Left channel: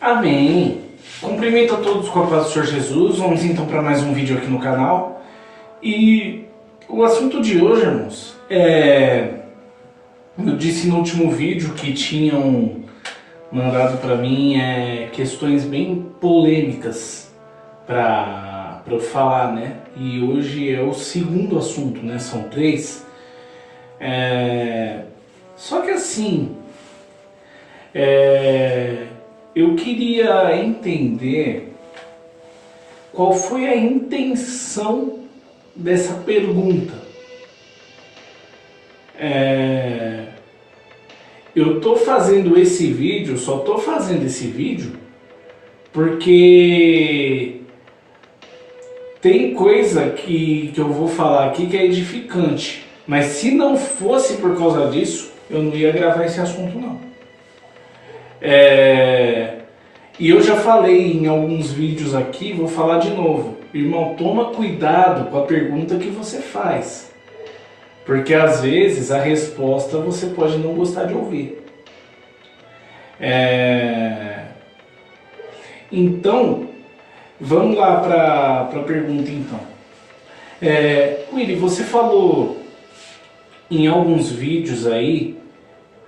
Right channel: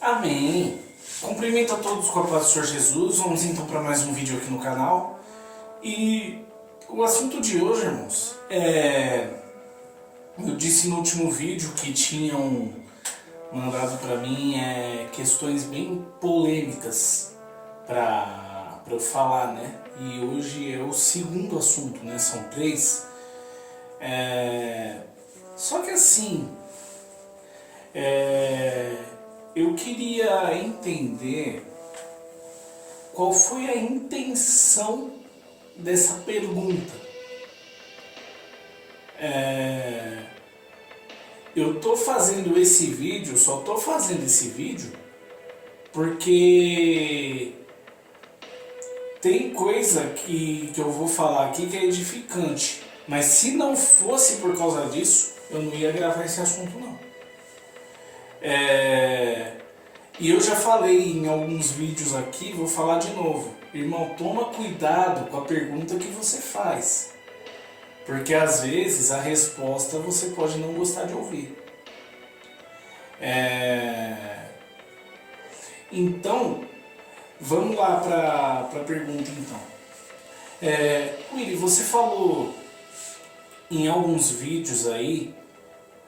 Amém! Cumprimento a todos com a paz do Senhor Jesus. Vamos então para mais um vídeo aqui no canal. E o assunto de hoje, irmãos, eu disse no último vídeo que tinham mandado para mim questões bem polêmicas para eu falar, né? E hoje é o segundo assunto, né? São três. Só que assim, eu queria entender qual foi a intenção dessa pergunta. Eu tô fazendo esse vídeo, só tô fazendo esse vídeo porque tem coisa que eu vou falar aqui que é edificante. Mas se não fosse por causa disso, eu não ia gravar esse assunto não. E eu já falei em alguns vídeos aqui, vou falar de novo. Irmão, toma cuidado com a pergunta que você faz. Porque às vezes a resposta você pode não gostar de ouvir. Então, vamos lá para a pergunta então. Willy, você falou em alguns vídeos aí,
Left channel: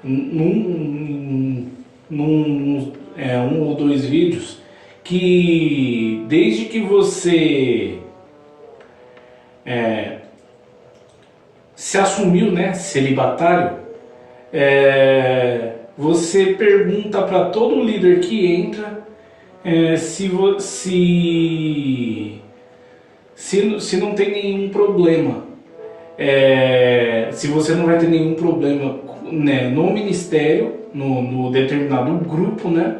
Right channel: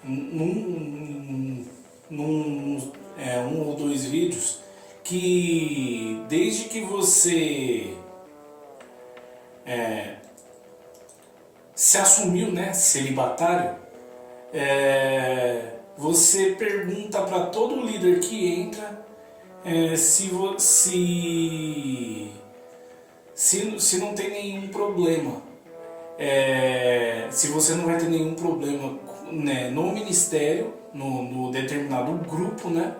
um ou dois vídeos, que desde que você se assumiu, né, celibatário, você pergunta para todo líder que entra se não tem nenhum problema, se você não vai ter nenhum problema, né, no ministério, no determinado grupo, né,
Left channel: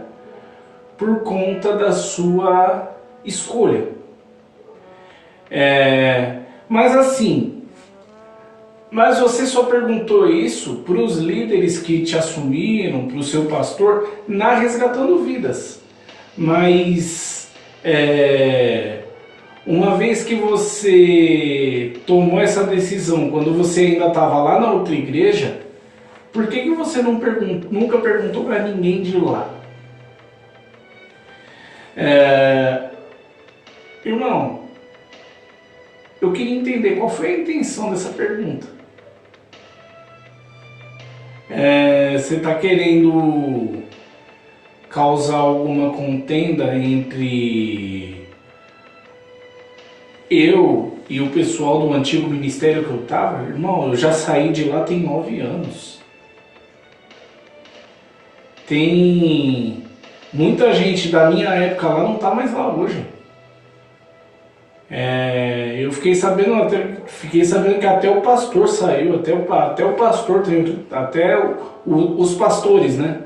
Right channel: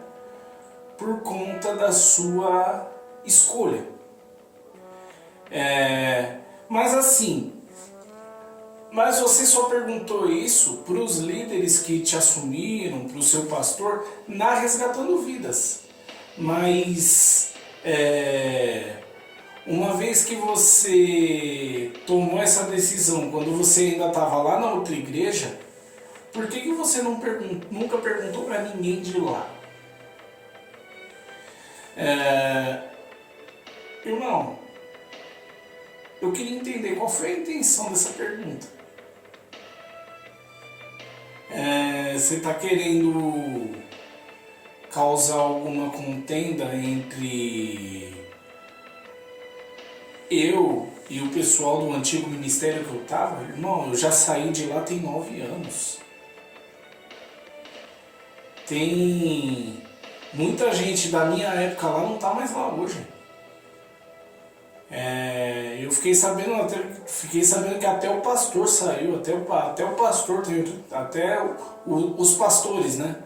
por conta da sua escolha. Mas você só perguntou isso para os líderes que te assumiram, para o seu pastor, na Resgatando Vidas. Mas uma vez que você tomou essa decisão, quando você ainda estava lá na outra igreja, por que você nunca perguntou para ninguém de lá? Irmão, eu queria entender qual foi a intenção dessa pergunta. Você está querendo causar alguma contenda entre eu e o pessoal do antigo ministério que eu estava? Irmão, eu já saí de lá tem 9 anos. Tem muita gente da minha época lá não está mais lá hoje. Eu fiquei sabendo que até o pastor saiu, até o pastor, os pastores, né?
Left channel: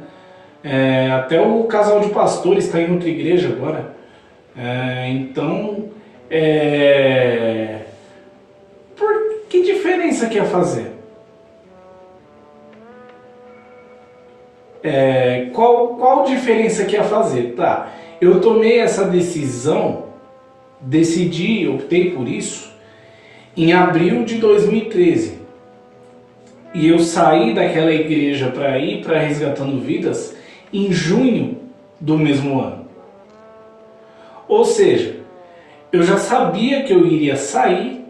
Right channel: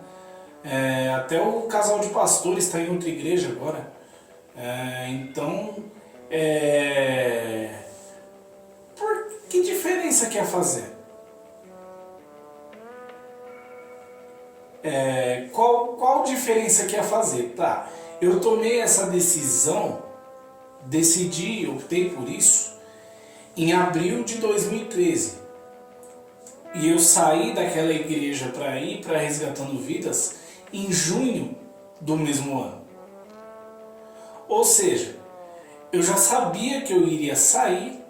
Até o casal de pastores está em outra igreja agora. Então, que diferença que ia fazer? Qual diferença que ia fazer? Tá, eu tomei essa decisão, optei por isso em abril de 2013. E eu saí daquela igreja para ir para Resgatando Vidas em junho do mesmo ano. Ou seja, eu já sabia que eu iria sair,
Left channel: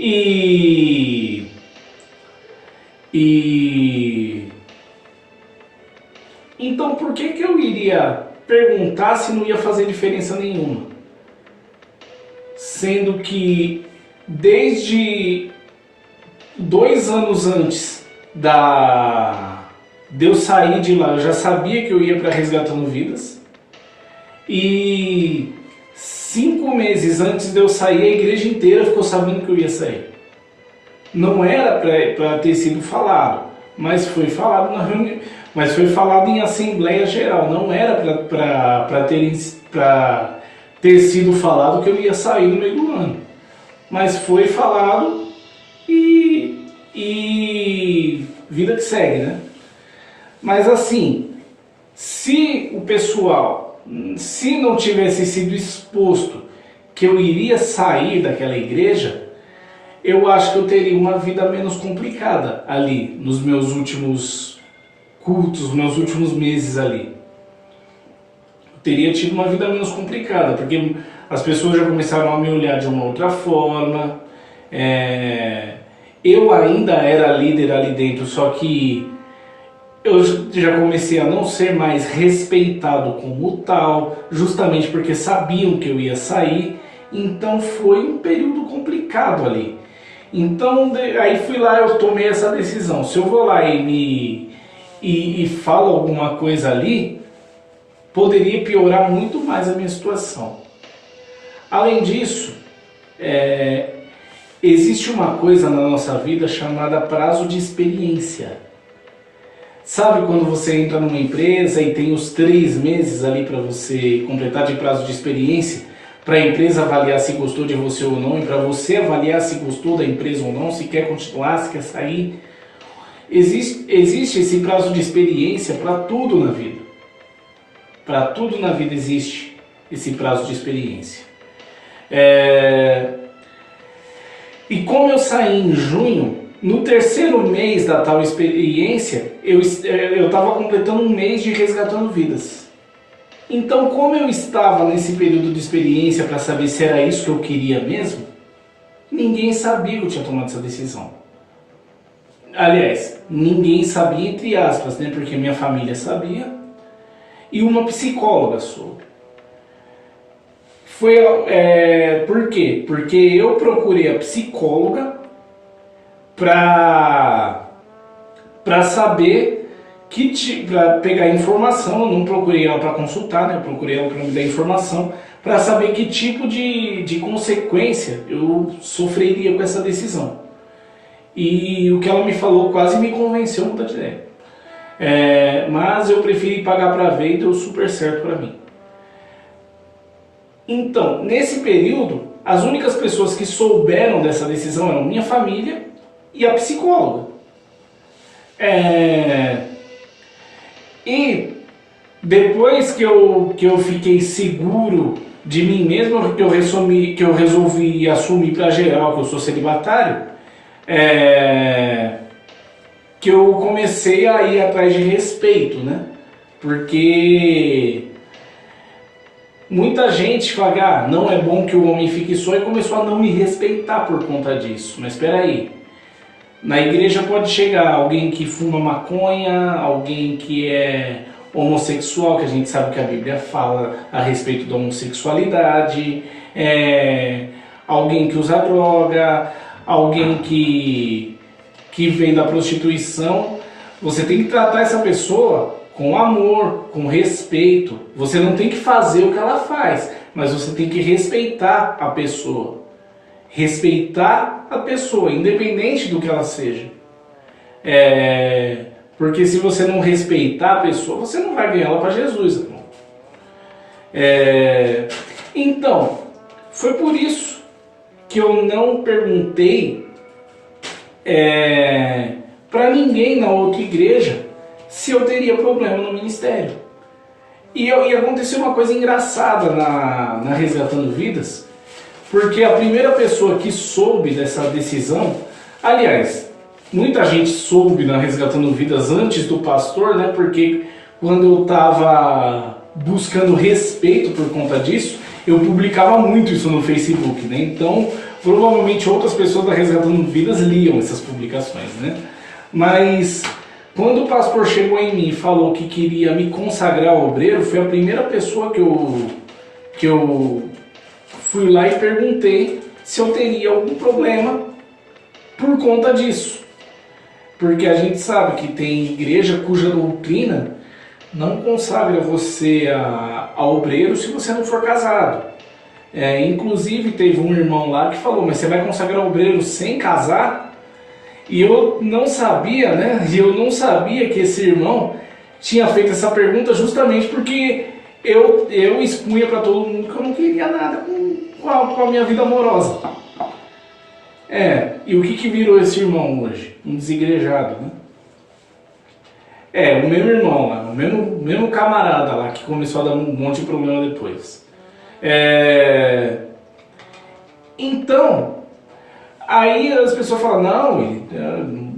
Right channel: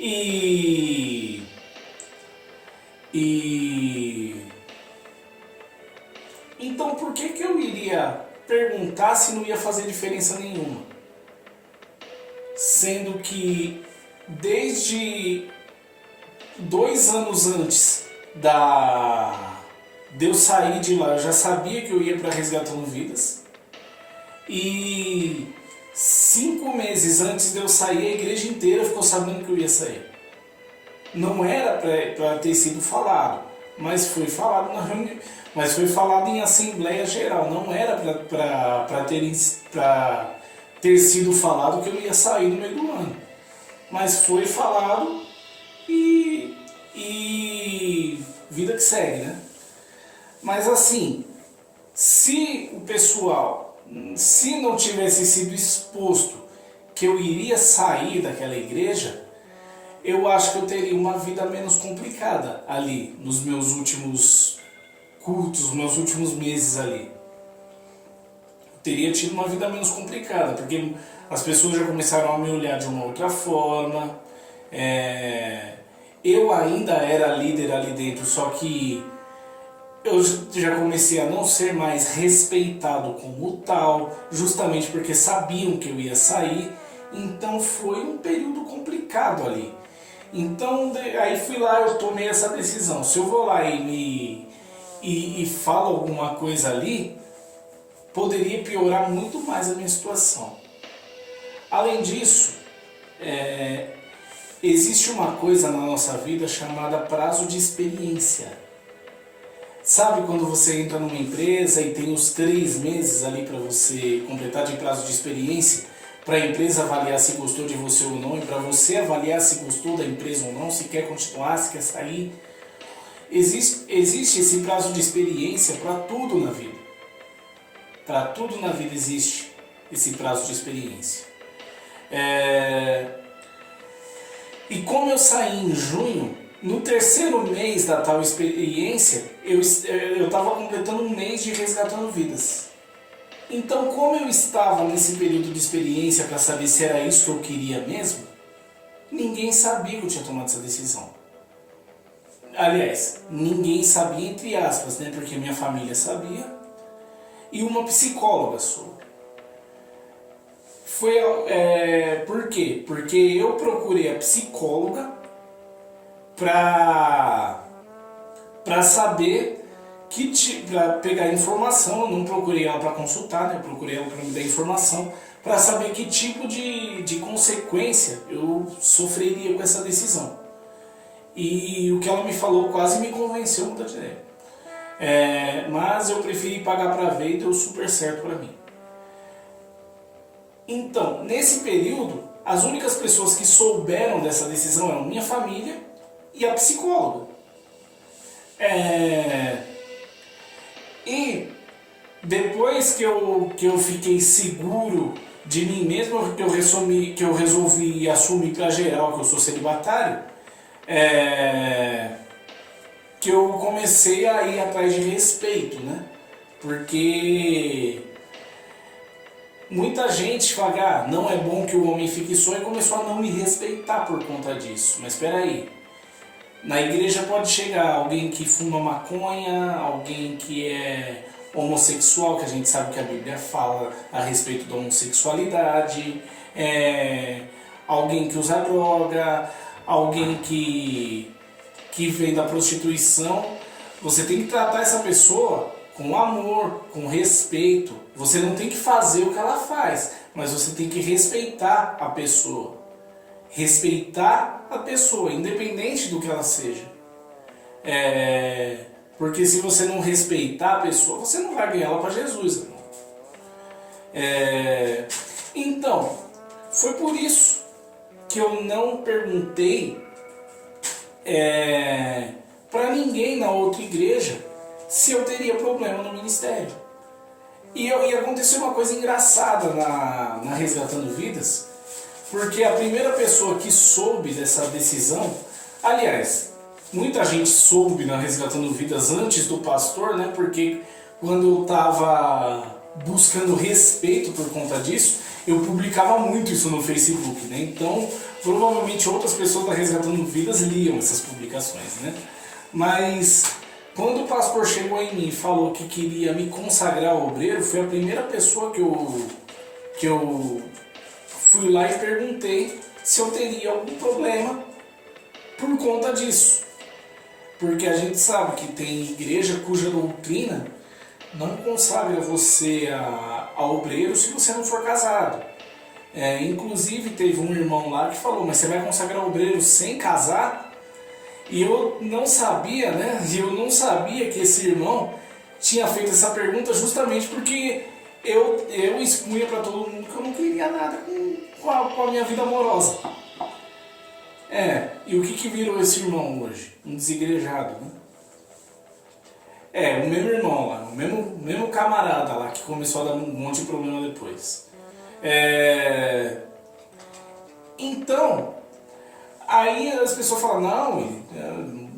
e então por que eu iria perguntar se não ia fazer diferença nenhuma? Sendo que desde 2 anos antes de eu sair de lá, eu já sabia que eu ia para Resgatando Vidas. E 5 meses antes de eu sair, a igreja inteira ficou sabendo que eu ia sair. Não era para ter sido falado, mas foi falado na reunião, mas foi falado em Assembleia Geral. Não era para ter sido falado que eu ia sair no meio do ano, mas foi falado e vida que segue, né? Mas assim, se o pessoal, se não tivesse sido exposto que eu iria sair daquela igreja, eu acho que eu teria uma vida menos complicada ali, nos meus últimos cultos, meus últimos meses ali. Eu teria tido uma vida menos complicada, porque as pessoas já começaram a me olhar de uma outra forma. Eu ainda era líder ali dentro, só que eu já comecei a não ser mais respeitado como tal, justamente porque sabiam que eu ia sair. Então foi um período complicado ali. Então aí fui lá, eu tomei essa decisão. Se eu vou lá e falo alguma coisa ali, poderia piorar muito mais a minha situação. Além disso, existe uma coisa na nossa vida chamada prazo de experiência. Sabe quando você entra numa empresa e tem os 3 meses ali para você completar de prazo de experiência, para a empresa avaliar se gostou de você ou não, e para você avaliar se gostou da empresa ou não, se quer continuar, se quer sair. Existe esse prazo de experiência para tudo na vida. Para tudo na vida existe esse prazo de experiência. E como eu saí em junho, no 3º mês da tal experiência, eu estava completando um mês de resgatando vidas. Então, como eu estava nesse período de experiência para saber se era isso que eu queria mesmo, ninguém sabia que eu tinha tomado essa decisão. Aliás, ninguém sabia entre aspas, né? Porque minha família sabia e uma psicóloga soube. Por quê? Porque eu procurei a psicóloga para saber para pegar informação. Eu não procurei ela para consultar, né? Eu procurei ela para me dar informação, para saber que tipo de consequência eu sofreria com essa decisão. E o que ela me falou quase me convenceu a mudar de ideia. Mas eu preferi pagar para ver e deu super certo para mim. Então, nesse período, as únicas pessoas que souberam dessa decisão eram minha família e a psicóloga. E depois que eu fiquei seguro de mim mesmo, que eu resolvi assumir para geral que eu sou celibatário, que eu comecei a ir atrás de respeito, né? Porque muita gente fala, não é bom que o homem fique só, e começou a não me respeitar por conta disso. Mas espera aí. Na igreja pode chegar alguém que fuma maconha, alguém que é homossexual, que a gente sabe que a Bíblia fala a respeito da homossexualidade, alguém que usa droga, alguém que vem da prostituição. Você tem que tratar essa pessoa com amor, com respeito. Você não tem que fazer o que ela faz, mas você tem que respeitar a pessoa. Respeitar a pessoa, independente do que ela seja. Porque se você não respeitar a pessoa, você não vai ganhar ela para Jesus. Então, foi por isso que eu não perguntei para ninguém na outra igreja se eu teria problema no ministério. E aconteceu uma coisa engraçada na Resgatando Vidas, porque a primeira pessoa que soube dessa decisão, aliás, muita gente soube na Resgatando Vidas antes do pastor, né? Porque quando eu estava buscando respeito por conta disso, eu publicava muito isso no Facebook, né? Então, provavelmente outras pessoas da Resgatando Vidas liam essas publicações, né? Mas quando o pastor chegou em mim e falou que queria me consagrar ao obreiro, foi a primeira pessoa que eu fui lá e perguntei se eu teria algum problema por conta disso. Porque a gente sabe que tem igreja cuja doutrina não consagra você a obreiro se você não for casado. Inclusive teve um irmão lá que falou, mas você vai consagrar obreiro sem casar? E eu não sabia, né? E eu não sabia que esse irmão tinha feito essa pergunta justamente porque eu expunha para todo mundo que eu não queria nada com a minha vida amorosa. E o que virou esse irmão hoje? Um desigrejado, né? O mesmo irmão lá, o mesmo camarada lá que começou a dar um monte de problema depois. Então, aí as pessoas falam, não,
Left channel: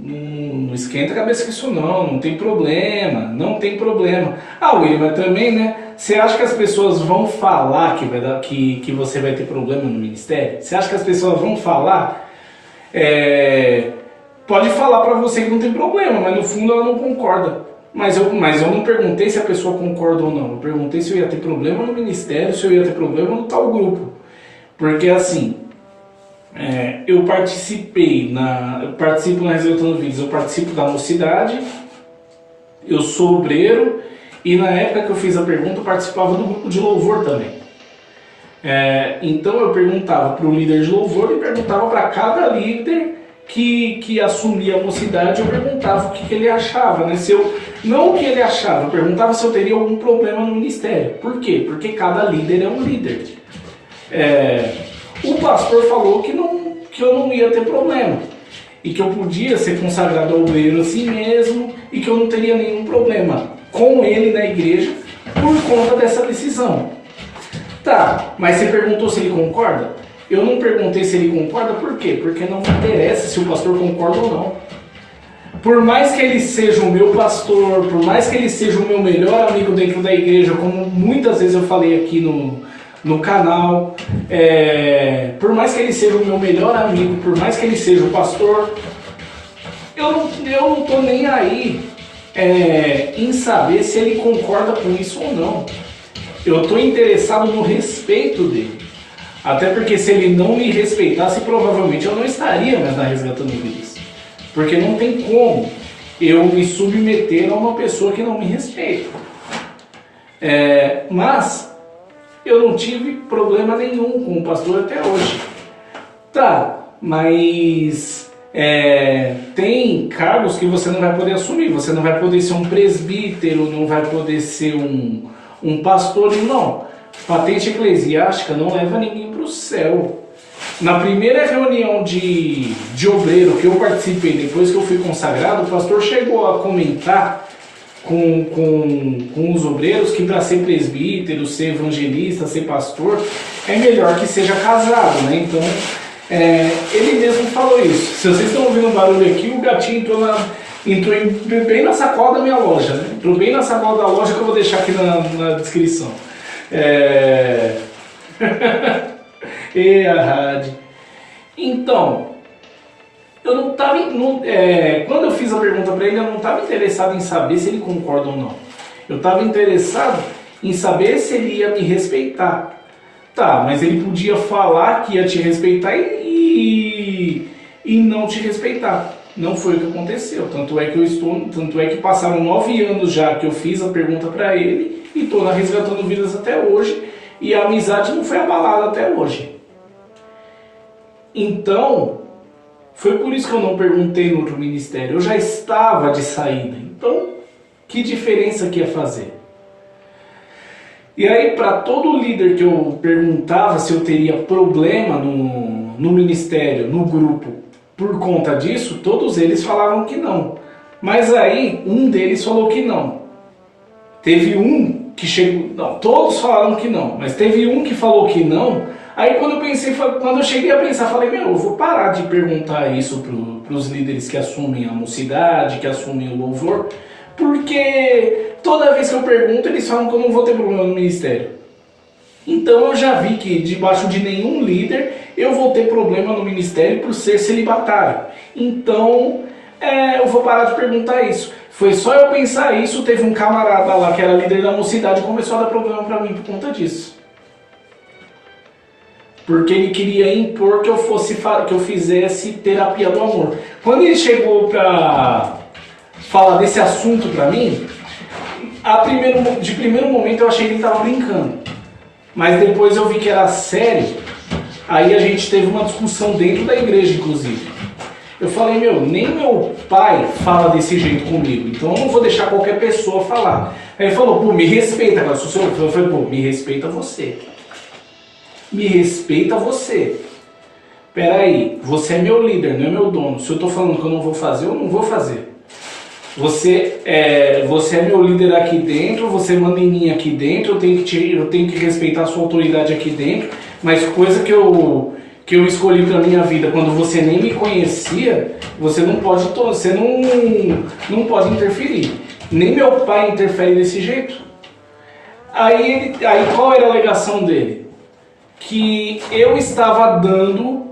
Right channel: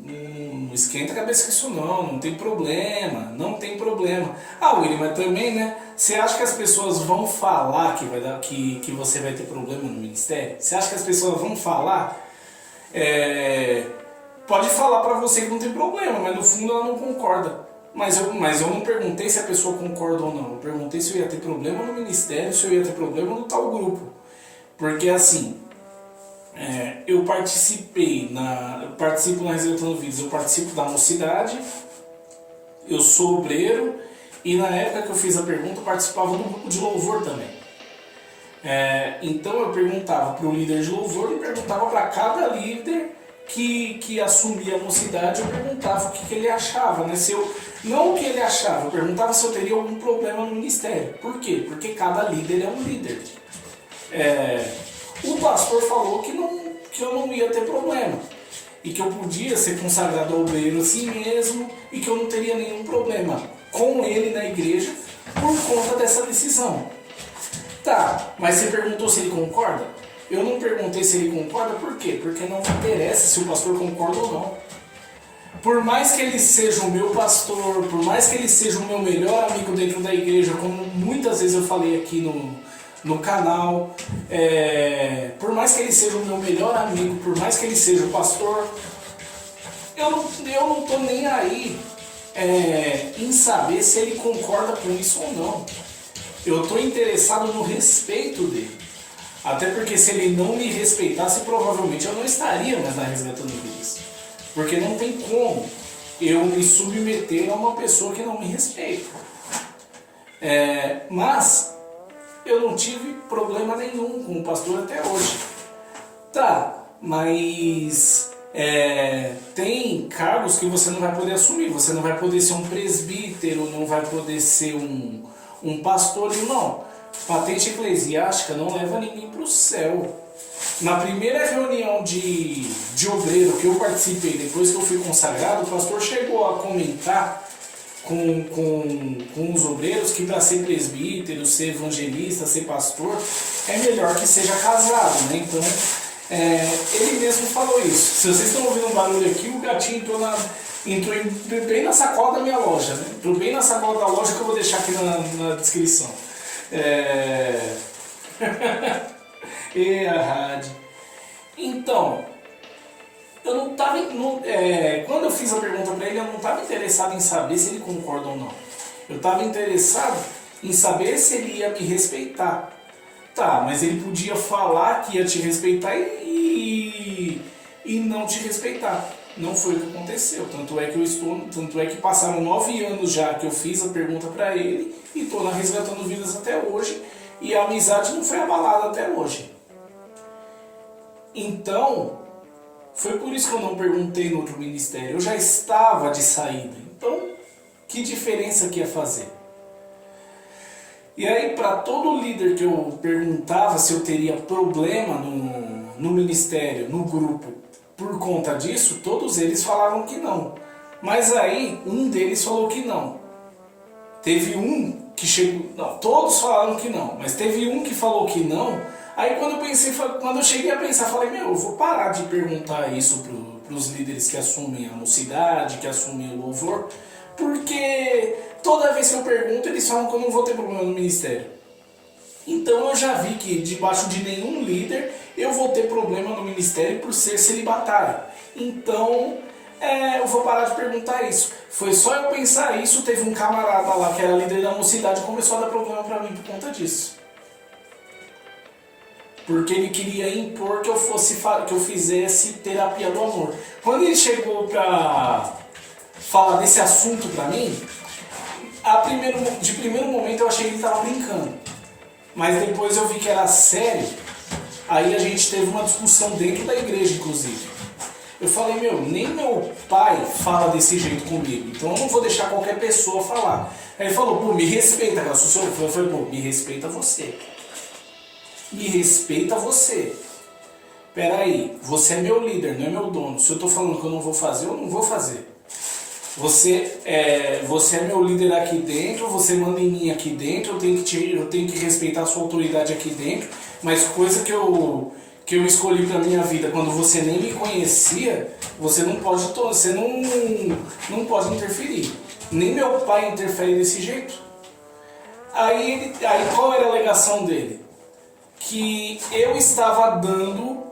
não esquenta a cabeça com isso não tem problema, não tem problema. Ah, William, mas também, né, você acha que as pessoas vão falar que você vai ter problema no ministério? Você acha que as pessoas vão falar? Pode falar pra você que não tem problema, mas no fundo ela não concorda. Mas eu não perguntei se a pessoa concorda ou não, eu perguntei se eu ia ter problema no ministério, se eu ia ter problema no tal grupo. Porque assim, eu participo na Resgatando Vidas, eu participo da mocidade, eu sou obreiro e na época que eu fiz a pergunta eu participava do grupo de louvor também. Então eu perguntava para o líder de louvor e perguntava para cada líder que assumia a mocidade, eu perguntava o que ele achava, né? Não o que ele achava, eu perguntava se eu teria algum problema no ministério. Por quê? Porque cada líder é um líder. O pastor falou que eu não ia ter problema e que eu podia ser consagrado obreiro assim mesmo e que eu não teria nenhum problema com ele na igreja por conta dessa decisão. Tá, mas você perguntou se ele concorda? Eu não perguntei se ele concorda, por quê? Porque não me interessa se o pastor concorda ou não. Por mais que ele seja o meu pastor, por mais que ele seja o meu melhor amigo dentro da igreja, como muitas vezes eu falei aqui no canal, por mais que ele seja o meu melhor amigo, por mais que ele seja o pastor, eu não tô nem aí em saber se ele concorda com isso ou não. Eu tô interessado no respeito dele. Até porque se ele não me respeitasse, provavelmente eu não estaria mais na Resgatando Vidas. Porque não tem como eu me submeter a uma pessoa que não me respeita. Mas eu não tive problema nenhum com o pastor até hoje. Tá, mas tem cargos que você não vai poder assumir. Você não vai poder ser um presbítero, não vai poder ser um pastor, não. Patente eclesiástica não leva ninguém para o céu. Na primeira reunião de obreiro que eu participei, depois que eu fui consagrado, o pastor chegou a comentar com os obreiros que para ser presbítero, ser evangelista, ser pastor, é melhor que seja casado, né? Então, ele mesmo falou isso. Se vocês estão ouvindo um barulho aqui, o gatinho entrou bem na sacola da minha loja, né? Entrou bem na sacola da loja que eu vou deixar aqui na descrição. E a rádio. Então, eu não estava. Quando eu fiz a pergunta para ele, eu não estava interessado em saber se ele concorda ou não. Eu estava interessado em saber se ele ia me respeitar. Tá, mas ele podia falar que ia te respeitar e não te respeitar. Não foi o que aconteceu. Tanto é que passaram 9 anos já que eu fiz a pergunta para ele e estou na Resgatando Vidas até hoje e a amizade não foi abalada até hoje. Então, foi por isso que eu não perguntei no outro ministério. Eu já estava de saída. Então, que diferença que ia fazer? E aí, para todo líder que eu perguntava se eu teria problema no ministério, no grupo, por conta disso, todos eles falavam que não. Mas aí, um deles falou que não. Teve um que chegou... Não, todos falaram que não, mas teve um que falou que não. Aí quando eu cheguei a pensar, falei, eu vou parar de perguntar isso para os líderes que assumem a mocidade, que assumem o louvor, porque toda vez que eu pergunto, eles falam que eu não vou ter problema no ministério. Então eu já vi que debaixo de nenhum líder eu vou ter problema no ministério por ser celibatário. Então eu vou parar de perguntar isso. Foi só eu pensar isso, teve um camarada lá que era líder da mocidade e começou a dar problema para mim por conta disso. Porque ele queria impor que eu fizesse terapia do amor. Quando ele chegou para falar desse assunto para mim, de primeiro momento eu achei que ele estava brincando. Mas depois eu vi que era sério. Aí a gente teve uma discussão dentro da igreja, inclusive. Eu falei, nem meu pai fala desse jeito comigo, então eu não vou deixar qualquer pessoa falar. Aí ele falou, me respeita, cara. Eu falei, me respeita você. Me respeita você. Peraí, você é meu líder, não é meu dono. Se eu tô falando que eu não vou fazer, eu não vou fazer. Você é meu líder aqui dentro, você manda em mim aqui dentro, eu tenho que respeitar a sua autoridade aqui dentro, mas coisa que que eu escolhi para minha vida quando você nem me conhecia, você não pode, não pode interferir. Nem meu pai interfere desse jeito. Aí qual era a alegação dele? Que eu estava dando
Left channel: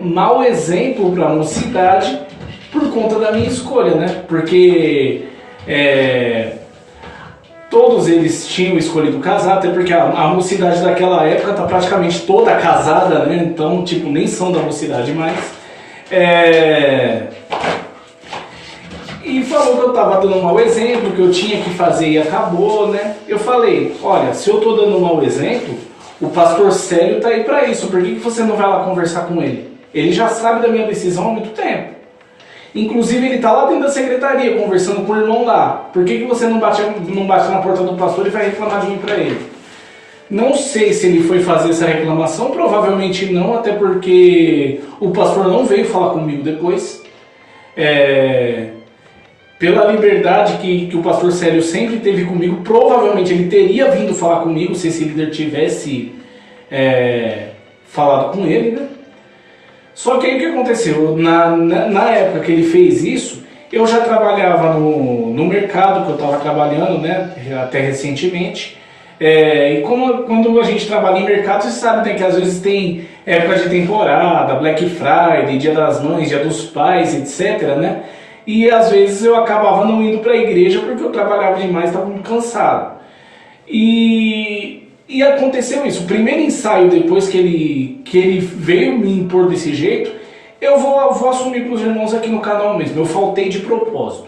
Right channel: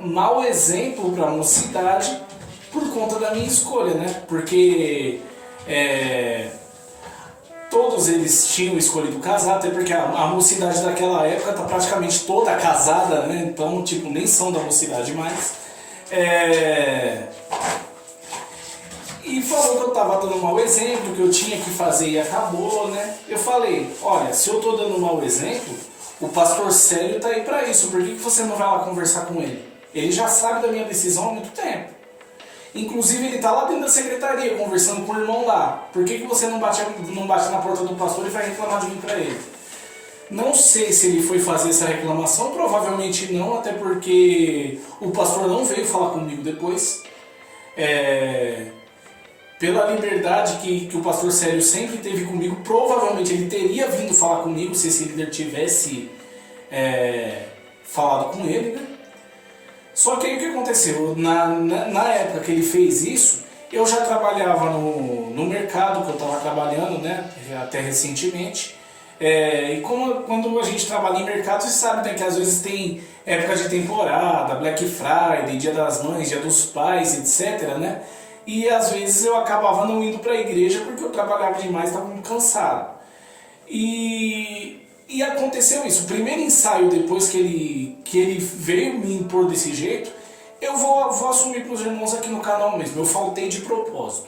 mau exemplo para a mocidade por conta da minha escolha, né? Porque todos eles tinham escolhido casar, até porque a mocidade daquela época tá praticamente toda casada, né? Então, tipo, nem são da mocidade mais. E falou que eu tava dando um mau exemplo, que eu tinha que fazer e acabou, né? Eu falei, olha, se eu tô dando um mau exemplo, o pastor Célio tá aí pra isso, por que você não vai lá conversar com ele? Ele já sabe da minha decisão há muito tempo. Inclusive ele tá lá dentro da secretaria, conversando com o irmão lá. Por que você não bate na porta do pastor e vai reclamar de mim pra ele? Não sei se ele foi fazer essa reclamação, provavelmente não, até porque o pastor não veio falar comigo depois. Pela liberdade que o pastor Célio sempre teve comigo, provavelmente ele teria vindo falar comigo se esse líder tivesse falado com ele, né? Só que aí o que aconteceu? Na época que ele fez isso, eu já trabalhava no mercado que eu estava trabalhando, né? Até recentemente. E quando a gente trabalha em mercado, você sabe, né, que às vezes tem época de temporada, Black Friday, Dia das Mães, Dia dos Pais, etc, né? E às vezes eu acabava não indo para a igreja porque eu trabalhava demais, estava muito cansado. E aconteceu isso. O primeiro ensaio, depois que ele veio me impor desse jeito, eu vou assumir para os irmãos aqui no canal mesmo. Eu faltei de propósito.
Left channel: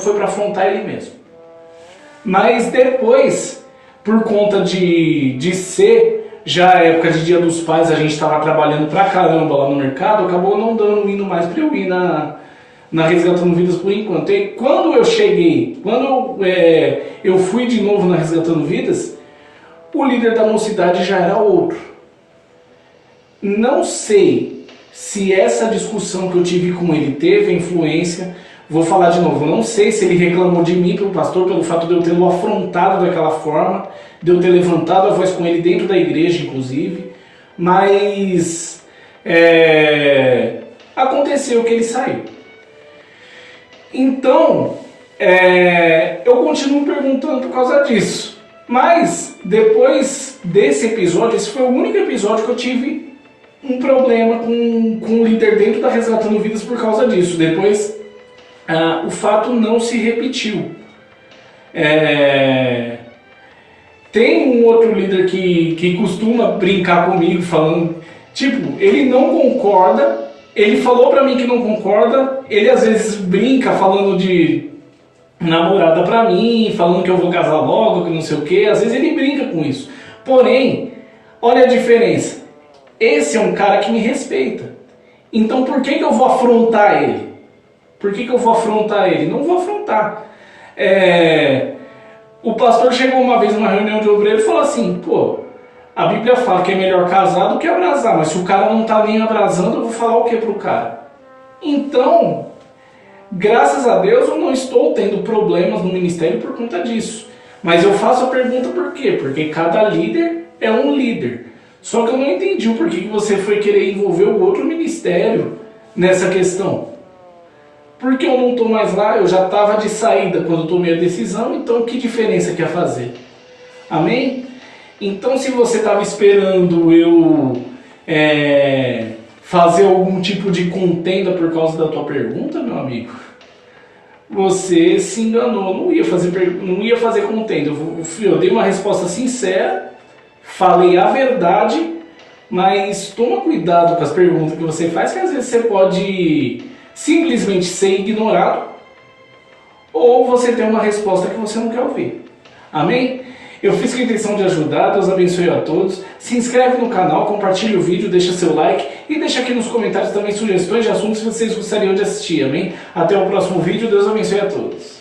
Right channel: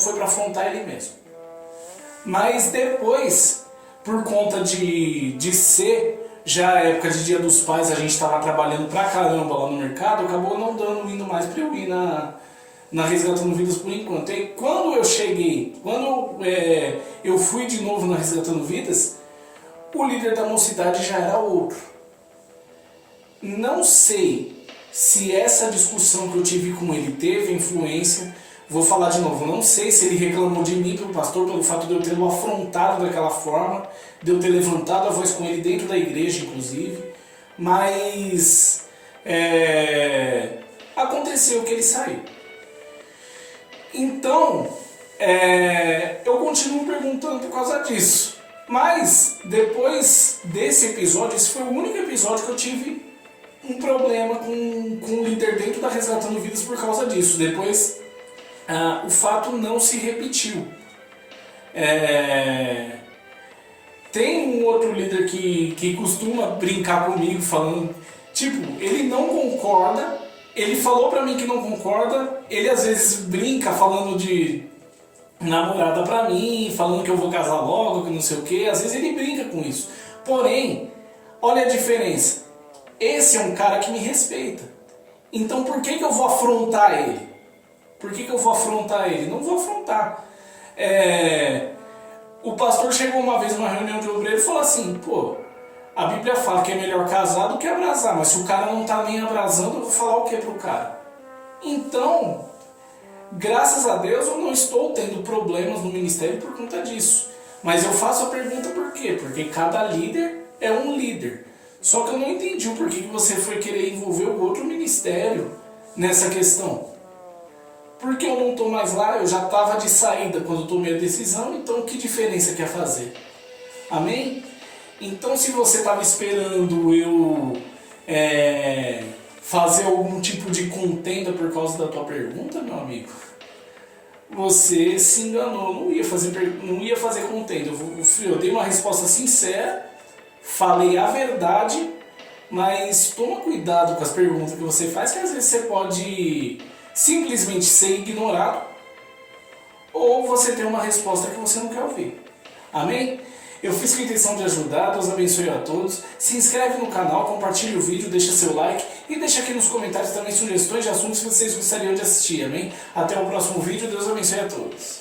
Foi para afrontar ele mesmo. Mas depois, por conta de ser já a época de Dia dos Pais, a gente estava trabalhando pra caramba lá no mercado, acabou não indo mais para eu ir na Resgatando Vidas por enquanto. E quando eu cheguei, eu fui de novo na Resgatando Vidas, o líder da mocidade já era outro. Não sei se essa discussão que eu tive com ele teve influência. Vou falar de novo, não sei se ele reclamou de mim pelo pastor, pelo fato de eu tê-lo afrontado daquela forma, de eu ter levantado a voz com ele dentro da igreja, inclusive, mas aconteceu que ele saiu. Então, eu continuo perguntando por causa disso. Mas, depois desse episódio, esse foi o único episódio que eu tive um problema com o líder dentro da Resgatando Vidas por causa disso. Depois, o fato não se repetiu. Tem um outro líder que costuma brincar comigo, falando, tipo, ele não concorda, ele falou pra mim que não concorda, ele às vezes brinca falando de namorada pra mim, falando que eu vou casar logo, que não sei o que, às vezes ele brinca com isso. Porém, olha a diferença, esse é um cara que me respeita, então por que eu vou afrontar ele? Não vou afrontar. O pastor chegou uma vez numa reunião de obreiro e falou assim, pô, a Bíblia fala que é melhor casar do que abrasar, mas se o cara não tá nem abrasando, eu vou falar o que pro cara? Então, graças a Deus eu não estou tendo problemas no ministério por conta disso. Mas eu faço a pergunta por quê? Porque cada líder é um líder. Só que eu não entendi o porquê que você foi querer envolver o outro ministério nessa questão. Porque eu não estou mais lá, eu já estava de saída quando eu tomei a decisão, então que diferença que ia fazer? Amém? Então se você estava esperando eu fazer algum tipo de contenda por causa da tua pergunta, meu amigo, você se enganou, não ia fazer contenda. Eu dei uma resposta sincera, falei a verdade, mas toma cuidado com as perguntas que você faz, que às vezes você pode simplesmente ser ignorado ou você tem uma resposta que você não quer ouvir. Amém? Eu fiz com a intenção de ajudar, Deus abençoe a todos. Se inscreve no canal, compartilha o vídeo, deixa seu like e deixa aqui nos comentários também sugestões de assuntos que vocês gostariam de assistir, amém? Até o próximo vídeo, Deus abençoe a todos.